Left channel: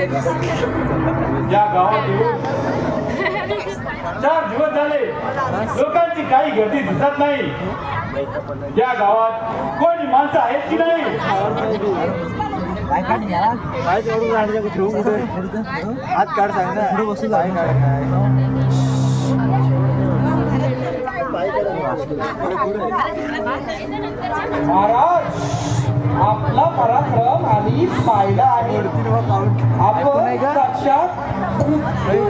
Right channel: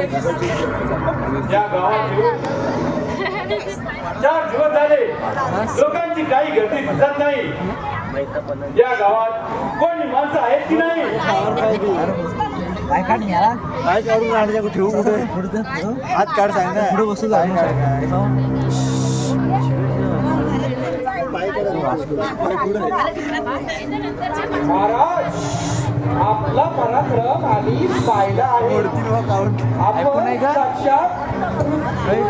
या गावात येऊन 4 दिवस झाले लोकांची काही गर्दी दिसत नाही. या गावात कोणी माणसं आहेत की नाही? काय काढून राहिले ठेवू कुठे हात काढ सांग ना पुढे बसू काय महाराज आपला पराक्रम आम्ही पाहिला आहे. आपण साक्षात काही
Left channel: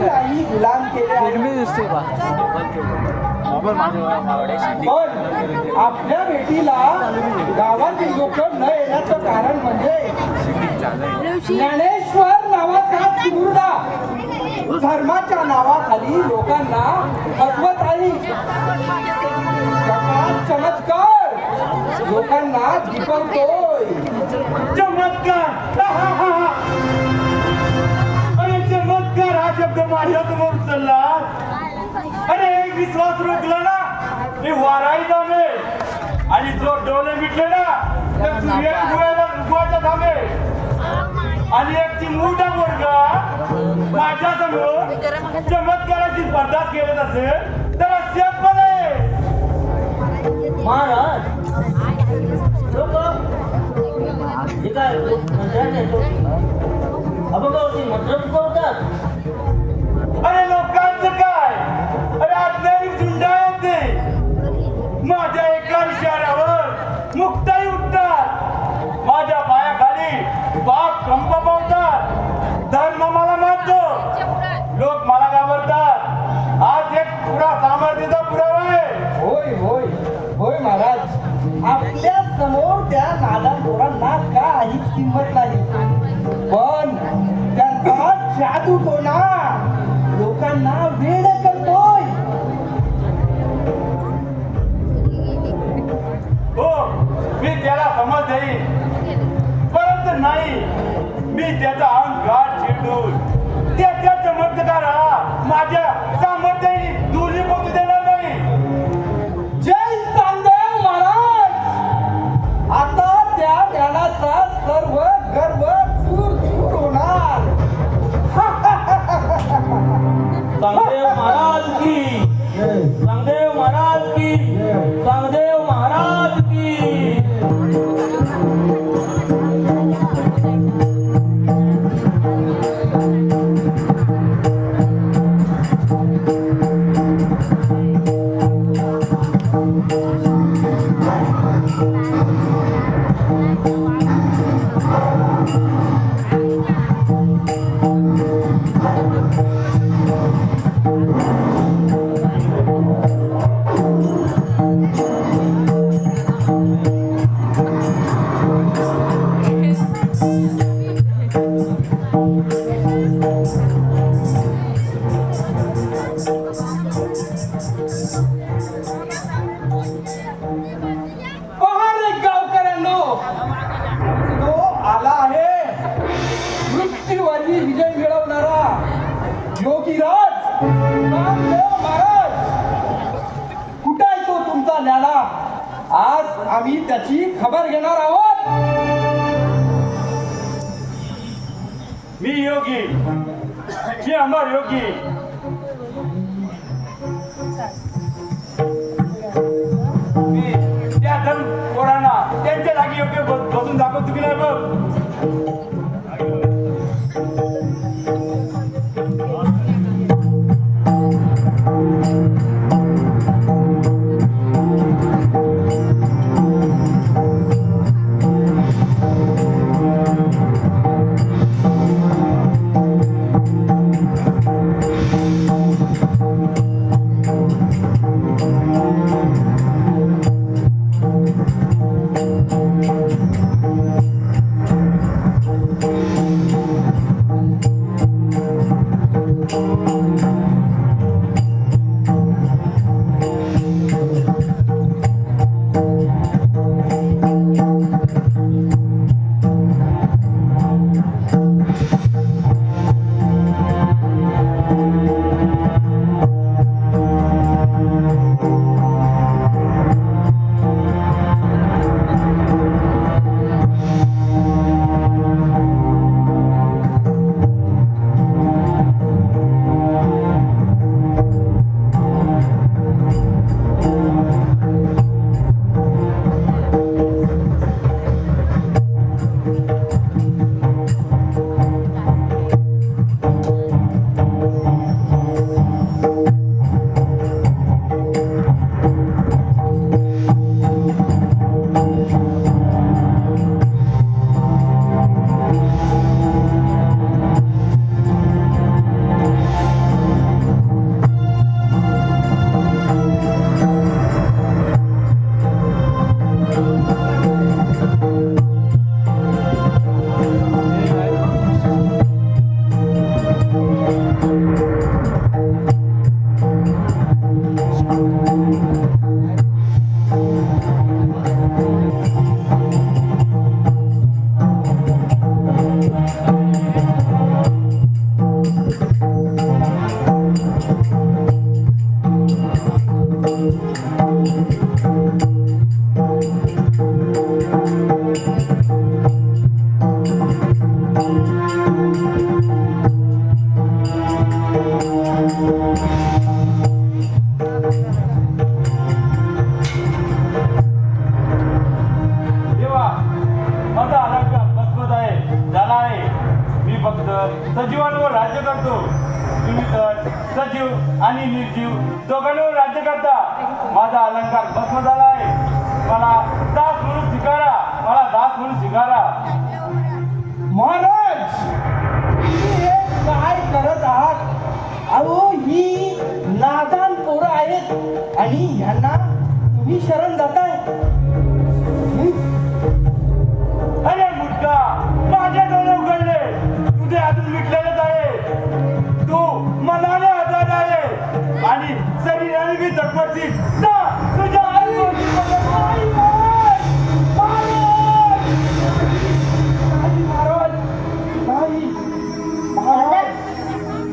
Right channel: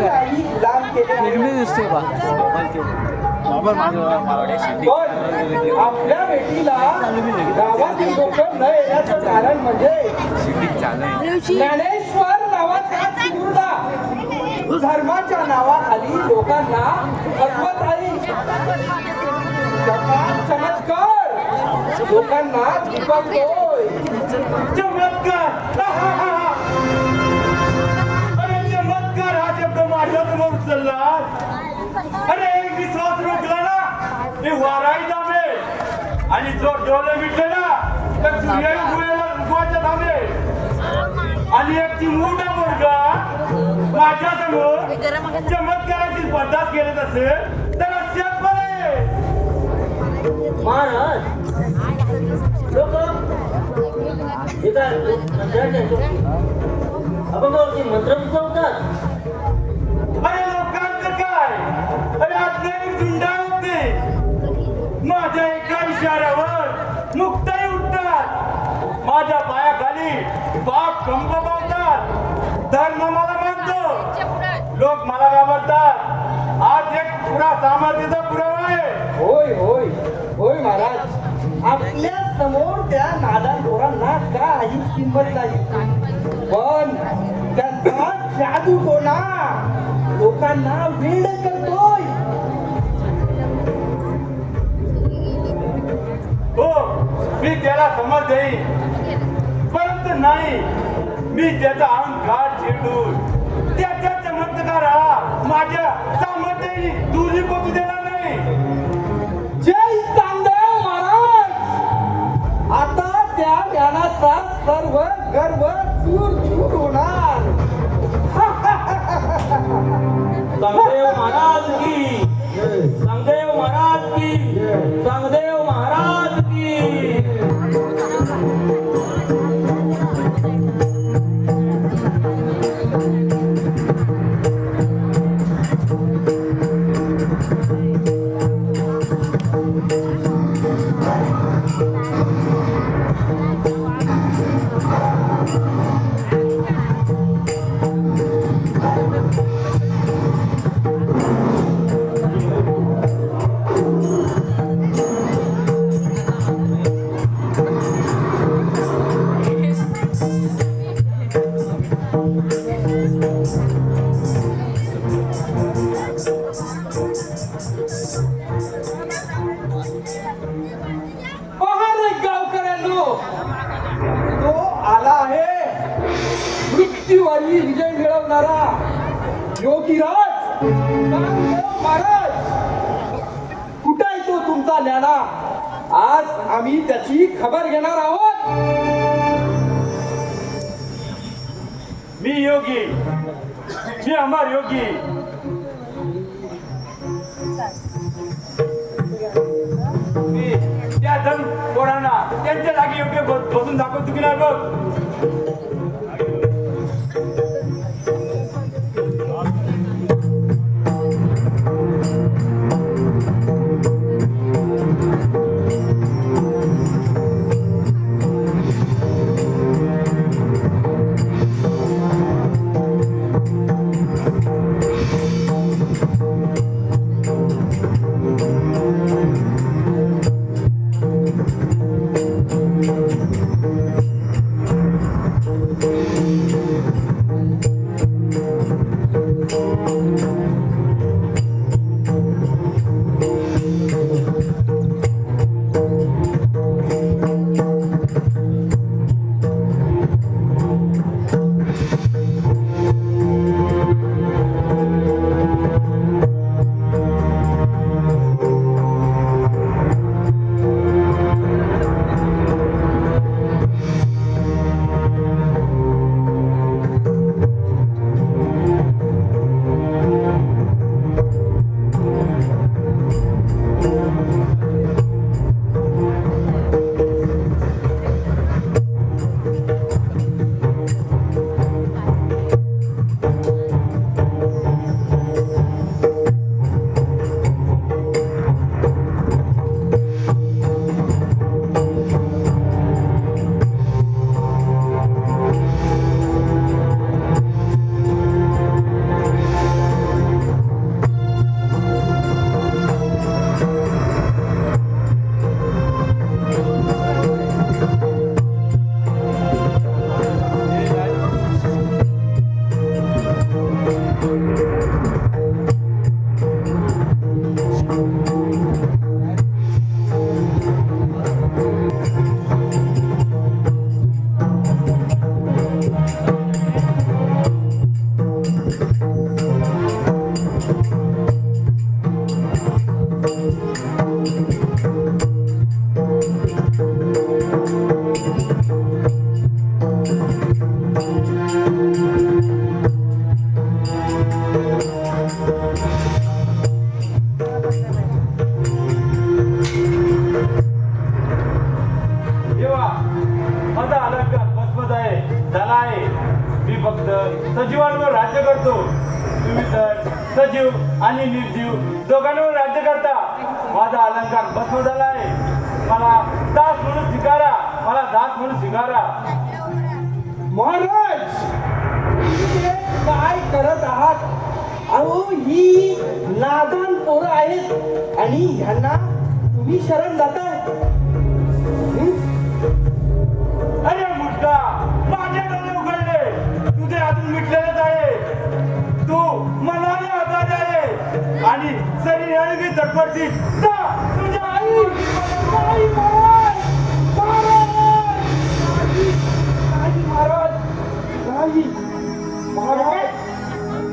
गुलाम केले दिसतो का पण आपल्या भेटीला गावात लोक न येण्याचं कारण म्हणजे ज्ञानेश्वर नावाचा मुर्दा धर्माच्या नावाखाली लोकांना फसवत आहे. चमत्कार लोकांना दिपकतोय. चमत्कार अरे चमत्कार हा शब्द माझ्या समोर उचलला. अरे एक विश्वास रोखला ना मी वाराही थांबे आणि जो डोले मिटले ना तर सूर्य उगवायच्या थांबे. आणि एक चिमूटा पोरगा माझ्या समोर चमत्काराची स्पर्धा केली असेल तर अशाचपणे महाराज लोक एका अभंगावरती मंत्र होतात. अरे लोकांचं काय अरे अज्ञानी झुंडा होते. माझ्या एका इशाऱ्यावर मुक्ताई उठतात. माझ्या पायाखाली पाप कंप पावतात. धर्म मला मानतो लोक मला घाबरतात. आज एक पुरा सामर्थ्याचा पुरावा आहे. होय होय होय महाराज आपल्या समोर त्या नादांना काहीच किंमत नाही. पण त्यांचा जादू कोणा लोकांना वेड करतोय. हो मी त्याला समज देईन परंतु नाही मी त्याचा अहंकार चिरडून त्याच्या चमत्काराला माझ्या सामर्थ्याने दुरी पोचू देणार नाही. जय चांगदेव महाराज. आता त्या ज्ञानाचा सर्व गर्व चूर चूर होणार. चांगदेव महाराज की चांगदेव महाराज की चांगदेव महाराज की. आज आम्ही त्याची खबर घेणार आहोत. मी योगी मी अमर योगी. मी त्या धन कोणाला त्यांच्या जागी योग्य बसून दाखवतो की नाही बघ. देवा, माझा अलंकार मजबूत आहे, झाला आहे. मी फक्त सजीवांवर राज्य करतो. तुम्ही तर सजीव आणि निर्जीव दोघांवर राज्य करता. माझा अलंकार भस्म झाला आहे. मला दास म्हणून स्वीकारा, मला दास म्हणून स्वीकारा. महाराज, तुम्ही हे काय करत आहात? अहो, ही नादान पोरं आहेत आणि ह्यांना तुम्ही शरण जाताय. अरे मुद्दा, माझे डोळे उघडले. तुझे अजून मिटलेलेच आहे. तू मनाने आजाद आहे आणि शरीराने मी झटपटती. तुझ्या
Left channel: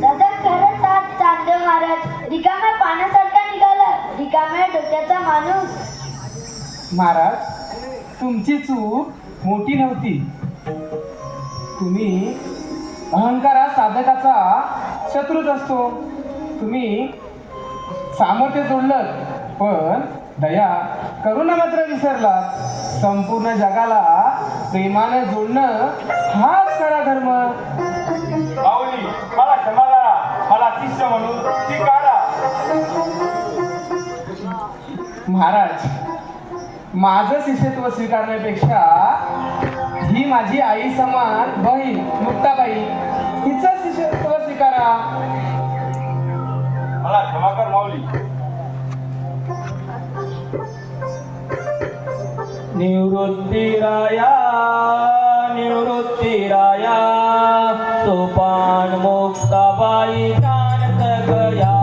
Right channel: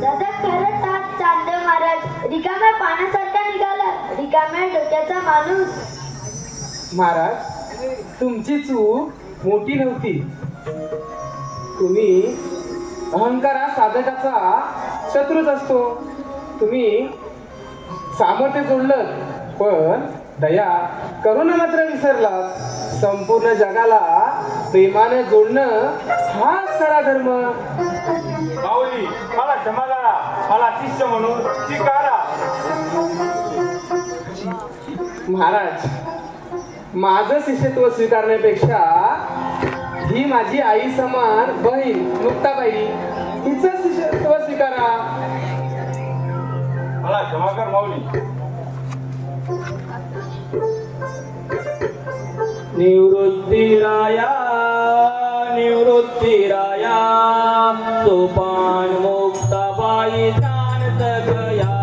दादा खरंच हा चांदेव महाराज रिकाम्या पाण्यासारखा निघाला, रिकाम्या डोक्याचा माणूस. महाराज, तुमची चूक मोठी नव्हती. तुम्ही अहंकारात साधकाचा शत्रूच असतो. तुम्ही सामर्थ्य जोडलं पण दया करुणा मात्र विसरलात. संपूर्ण जगाला प्रेमानं जोडणं हाच खरा धर्म. माऊली, मला क्षमा करा, मला शिष्य म्हणून स्वीकारा. महाराज, माझं शिष्यत्व स्वीकारण्यापेक्षा ही माझी आई समान बहीण मुक्ताबाई हिचं शिष्यत्व स्वीकारा. मला क्षमा कर माऊली. निवृत्तीराया निवृत्तीराया सोपान मुक्ताबाई ज्ञान सगया.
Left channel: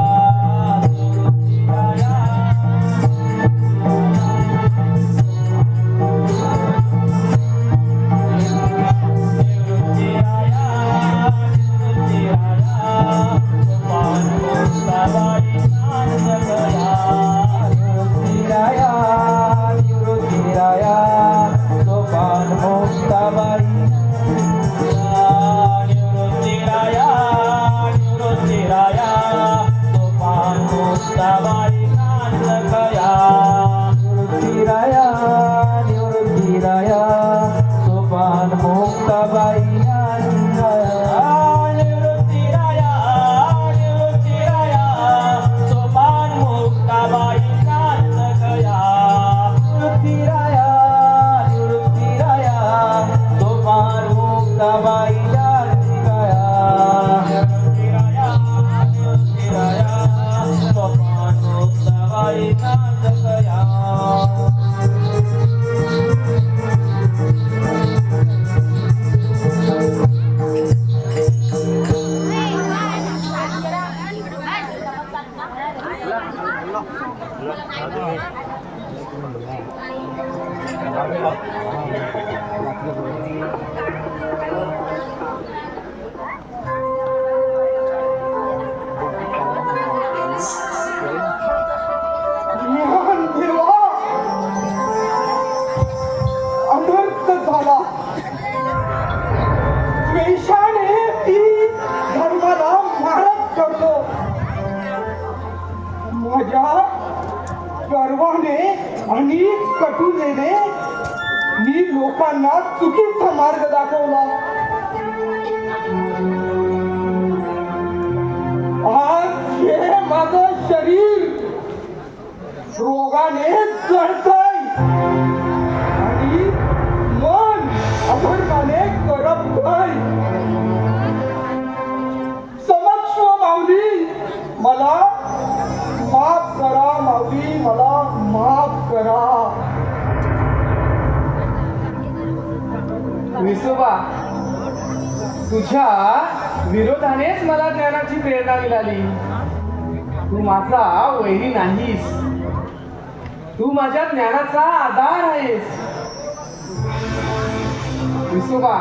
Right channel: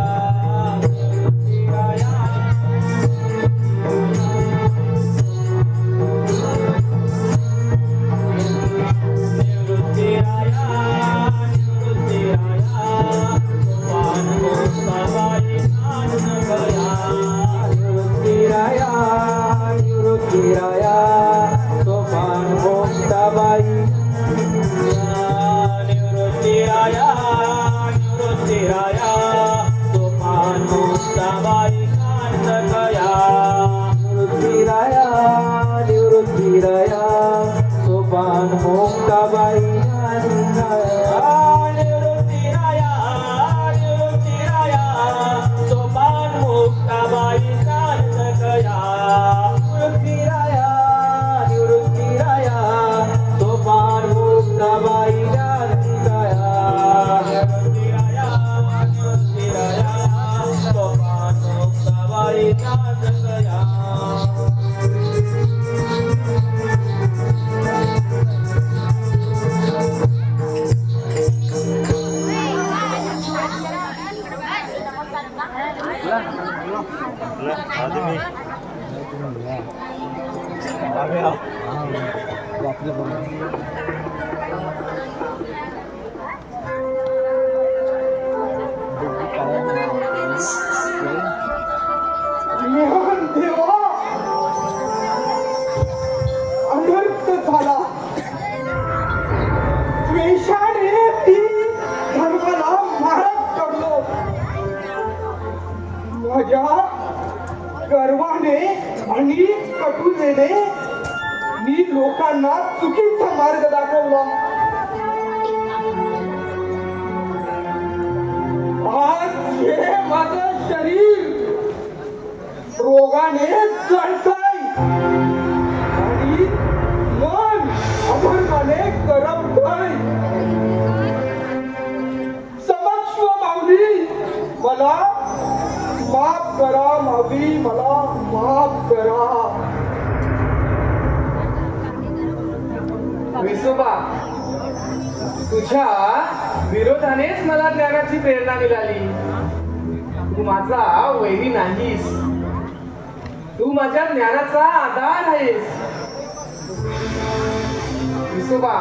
गर्वाने आणि कटुतेने मी लोकांना चुकीचा मार्ग दाखवला. आज हे माझं शरीर रोगाने जळतंय आणि मन अधर्माने करपतंय. समक्ष माऊली, मला माफ करा. माऊली, मला माफ करा. विसोबा, तुझ्या विरोधानेच मला ज्ञानाची प्रेरणा मिळाली. तू माझा वैरी नाहीस, तू माझ्या ज्ञानाचा आधार आहेस. विसोबा,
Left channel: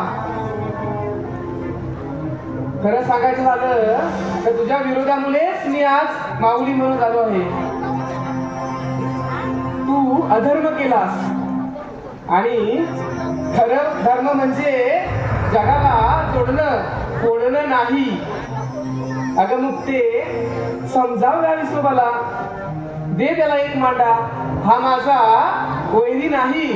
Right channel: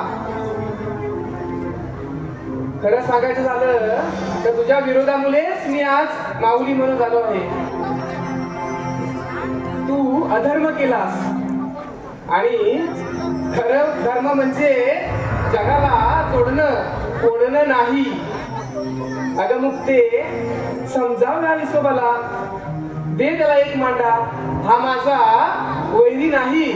खरं सांगायचं झालं तर तुझ्या विरोधामुळेच मी आज माऊली म्हणून झालो आहे. तू अधर्म केलास, आणि खरं धर्म म्हणजे जगाला तोडणं नाही. अगं मुक्ते, समजाव ना विसोबाला, दे त्याला एक मांडा. हा माझा वैरी नाही.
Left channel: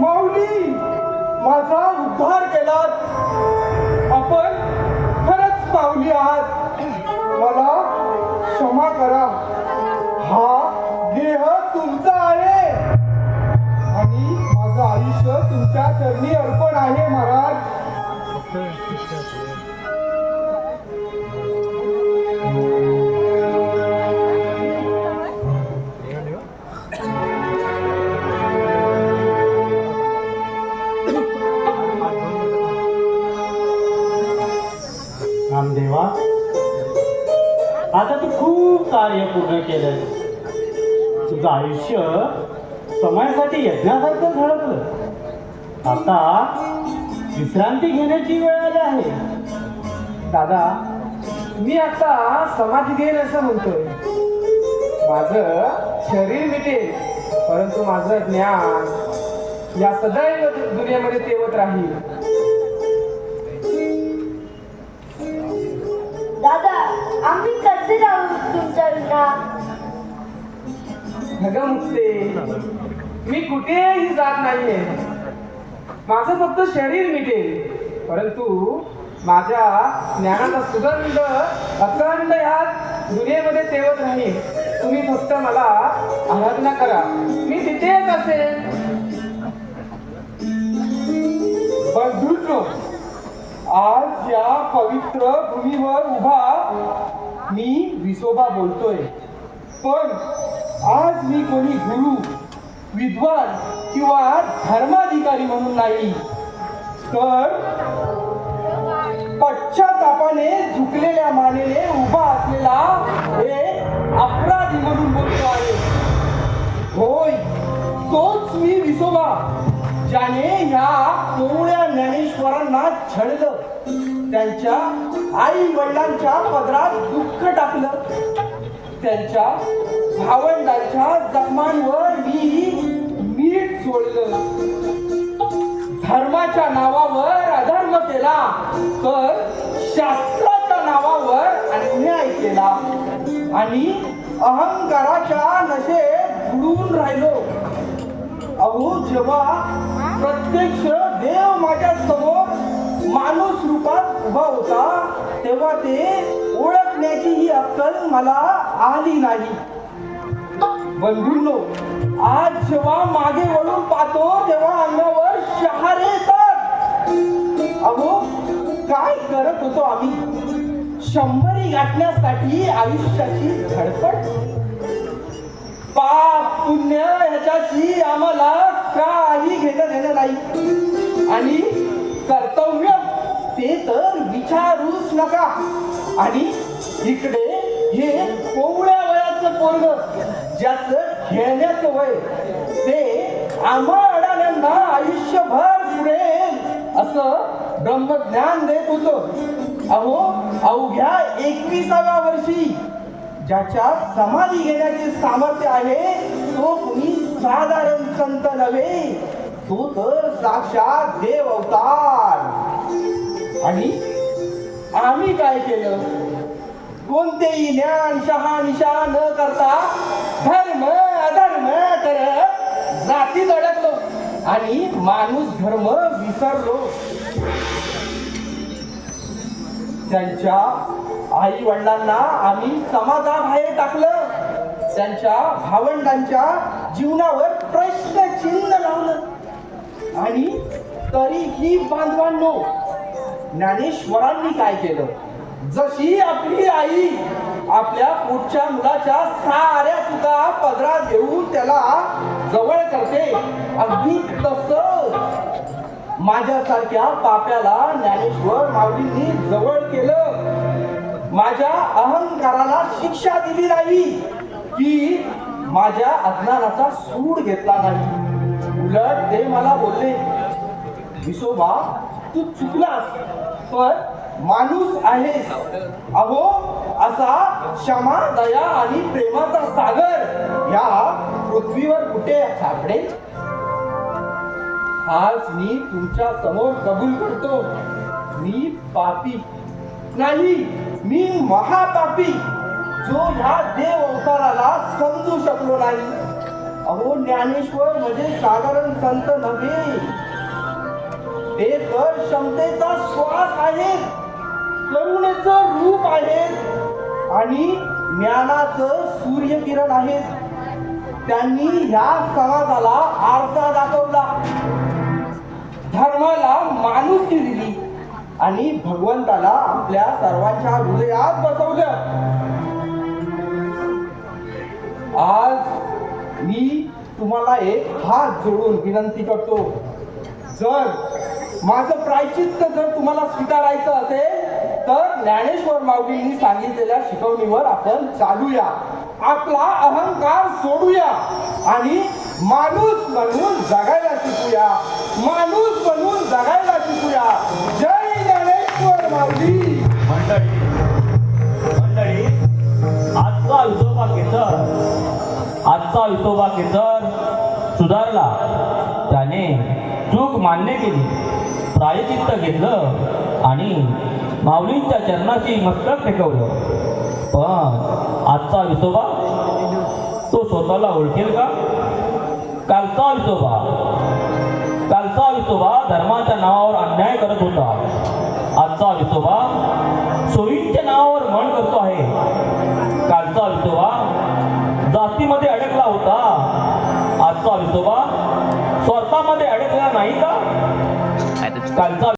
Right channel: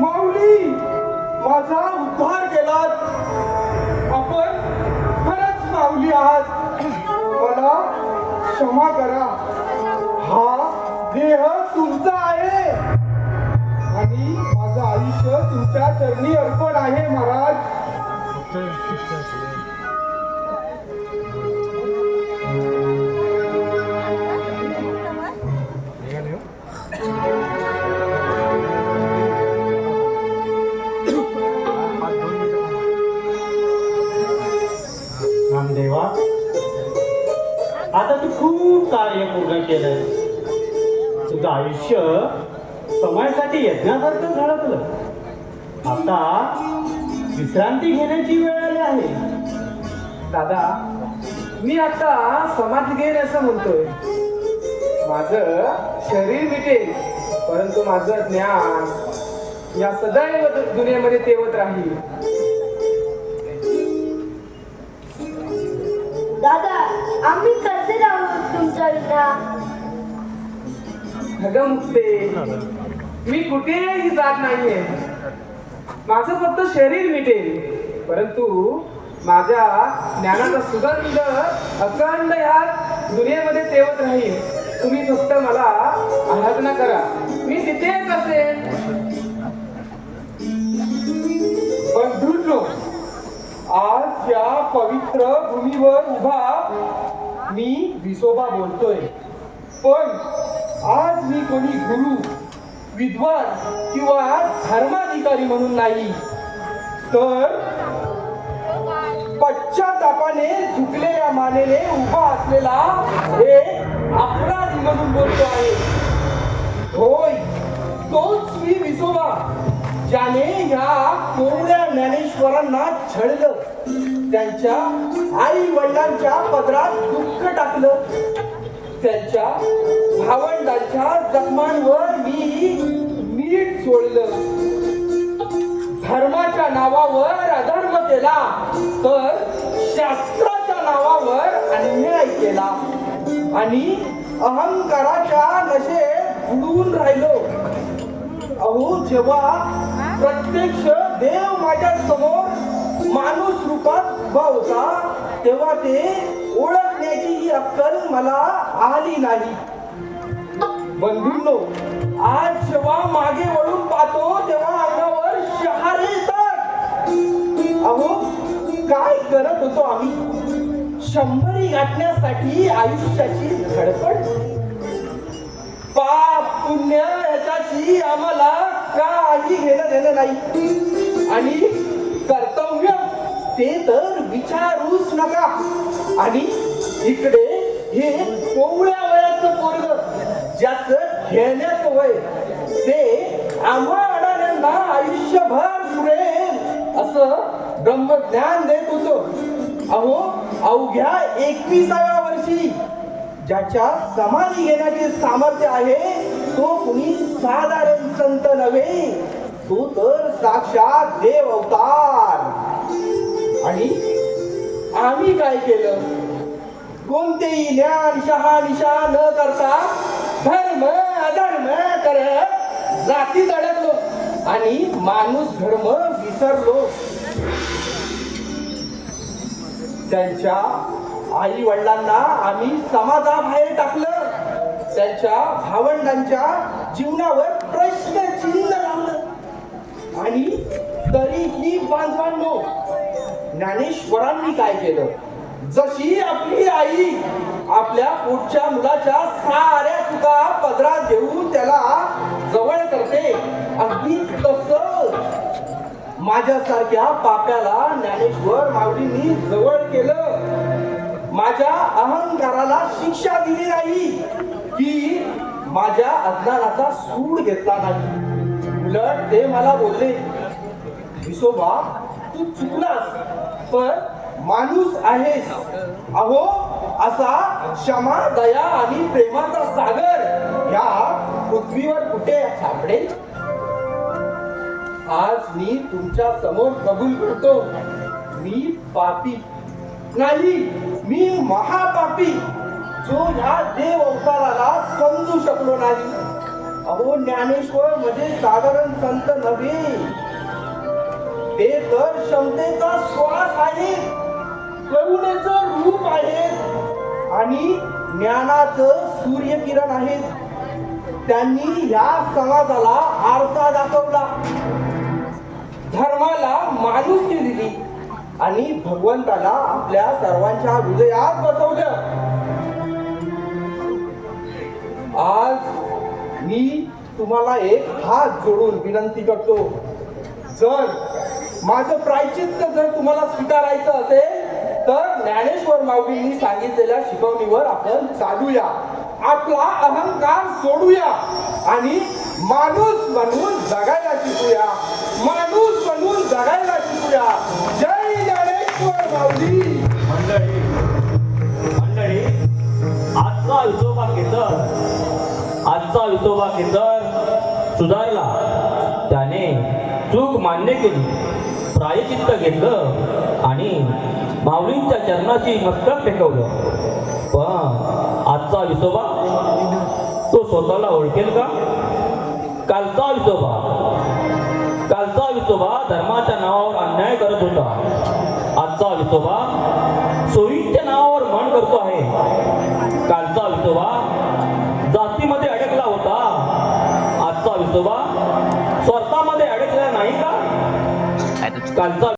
माऊली, माझा उद्धार केलात. आपण खरंच माऊली आहात. मला क्षमा करा. हा देह तुमचा आहे आणि माझं आयुष्य तुमच्या चरणी अर्पण आहे महाराज. रामदेवा, आता तू खूप कार्य पूर्ण केलंय. तुझं आयुष्य समाजासाठी यज्ञासारखं झळकलं. आता विश्रांती घेण्याची वेळ आली आहे. दादा, मी आता समाधी घेईन असं म्हणतोय. माझं शरीर मिटेल, परंतु माझं ज्ञान या सदैव दुनियेमध्ये तेवत राहील. दादा, आम्ही कसे राहू तुमच्या विना? अगं मुक्ते, मी कुठेही जात नाहीये. माझं फक्त शरीर मिटेल, परंतु माझ्या ज्ञानाचा सुगंध अखंड ह्या दुनियेमध्ये तेवत राहील. तुम्ही फक्त मला आराधना करा, मी तिथेच असेन. बंधूंनो, आज या पवित्र भूमीवर उभा मी विसोबा बोलतोय. पण आज मी कोणी गुरु, विद्वान किंवा धर्माधिकारी म्हणून नाही, तर पश्चातापाने झुकलेल्या मानेने उभा असलेला एक अपराधी म्हणून बोलतो आहे. होय, तोच मी विसोबा, ज्याने ह्या कोवळ्या ज्ञानेश्वरांना छळलं, त्यांच्या आई वडिलांच्या पदरात दुःख टाकलं, त्यांच्या भावंडांच्या जखमांवर मी मीठ सोडलं, धर्माच्या नावावर अधर्म केला, तर शास्त्राच्या नावावर अन्याय केला आणि अहंकाराच्या नशेत बुडून राहिलो. अहो, जेव्हा प्रत्यक्ष देव माझ्या समोर माणूस रूपात उभा होता, तेव्हा ते ओळखण्याची ही अक्कल मला आली नाही. बंधूंनो, आज जेव्हा मागे वळून पाहतो, तेव्हा अंगावर शहारे येतात. अहो, काय करत होतो आम्ही? 100 गाठण्यासाठी आयुष्याची धडपड. पाप पुण्य ह्याच्याशी आम्हाला काही घेणं देणं नाही. आणि कर्तव्य ते तर विचारूच नका. आणि इकडे हे कोवळ्या वयाचं पोरग, ज्याचं खेळण्याचं वय, ते आम्हा अडाण्यांना आयुष्यभर पुरेल असं ब्रह्मज्ञान देत होतं. अहो, अवघ्या 21व्या वर्षी ज्याच्या समाधी घेण्याचे सामर्थ्य आहे, तो कुणी साधारण संत नव्हे, तो तर साक्षात देव अवतार. आणि आम्ही काय केलं? कोणतेही ज्ञान शहानिशा न करता धर्म अधर्म करत जातीत अडकलो आणि माणूस धर्म विसरलो. त्यांच्या आई वडिलांना आम्ही समाजाबाहेर टाकलं, त्यांच्या भावंडांच्या जीवनावर प्रश्नचिन्ह लावलं. आणि तरीही बांधवांनो, ज्ञानेश्वरांनी काय केलं? जशी आपली आई आपल्या पुढच्या मुलाच्या साऱ्या चुका पदरात घेऊन त्याला जवळ करते, अगदी तसंच माझ्यासारख्या पाप्याला ज्ञानेश्वर माऊलींनी जवळ केलं. माझ्या अहंकाराला शिक्षा दिली नाही की माझ्या अज्ञानाचा सूड घेतला नाही. उलट ते मला बोलले, विसोबा तू चुकलास पण माणूस आहेस. अहो असा क्षमा दया आणि प्रेमाचा सागर या पृथ्वीवर कुठे सापडेल. आज मी तुमच्या समोर कबूल करतो, मी पापी नाही, मी महापापी जो ह्या देव अवताराला समजू शकलो नाही. अहो ज्ञानेश्वर म्हणजे साधारण संत नव्हे, ते तर क्षमतेचा श्वास आहे, करुणेचं रूप आहे आणि ज्ञानाचं सूर्यकिरण आहेत. त्यांनी ह्या समाजाला आरसा दाखवला, धर्माला माणुसकी दिली आणि भगवंताला आपल्या सर्वांच्या हृदयात बसवलं. आज मी तुम्हाला एक हात जोडून विनंती करतो, जर माझं प्रायचित्त जर तुम्हाला स्वीकारायचं असेल तर ज्ञानेश्वर माऊलींनी सांगितलेल्या शिकवणीवर आपण चालूया, आपला अहंकार सोडूया आणि माणूस बनून जगायला शिकूया, माणूस बनून जगायला शिकूया. जय ज्ञानेश्वर माऊली. मंडळी आजचा विसोबा केतर सुधारला. त्याने चूक मान्य केली, प्रायचित्त घेतलं आणि माऊलींच्या चरणाची मस्तक टेकवलं. पण आजचा विसोबा तो स्वतःला ओळखेल का? कालचा विसोबा धर्माच्या नावावर अन्याय करत होता. आजचा विसोबा सोयीच्या नावावर मन करतो आहे. कालचा विसोबा जातीमध्ये अडकला होता. आजचा विसोबा स्वार्थामध्ये अडकला नाही का? कालचा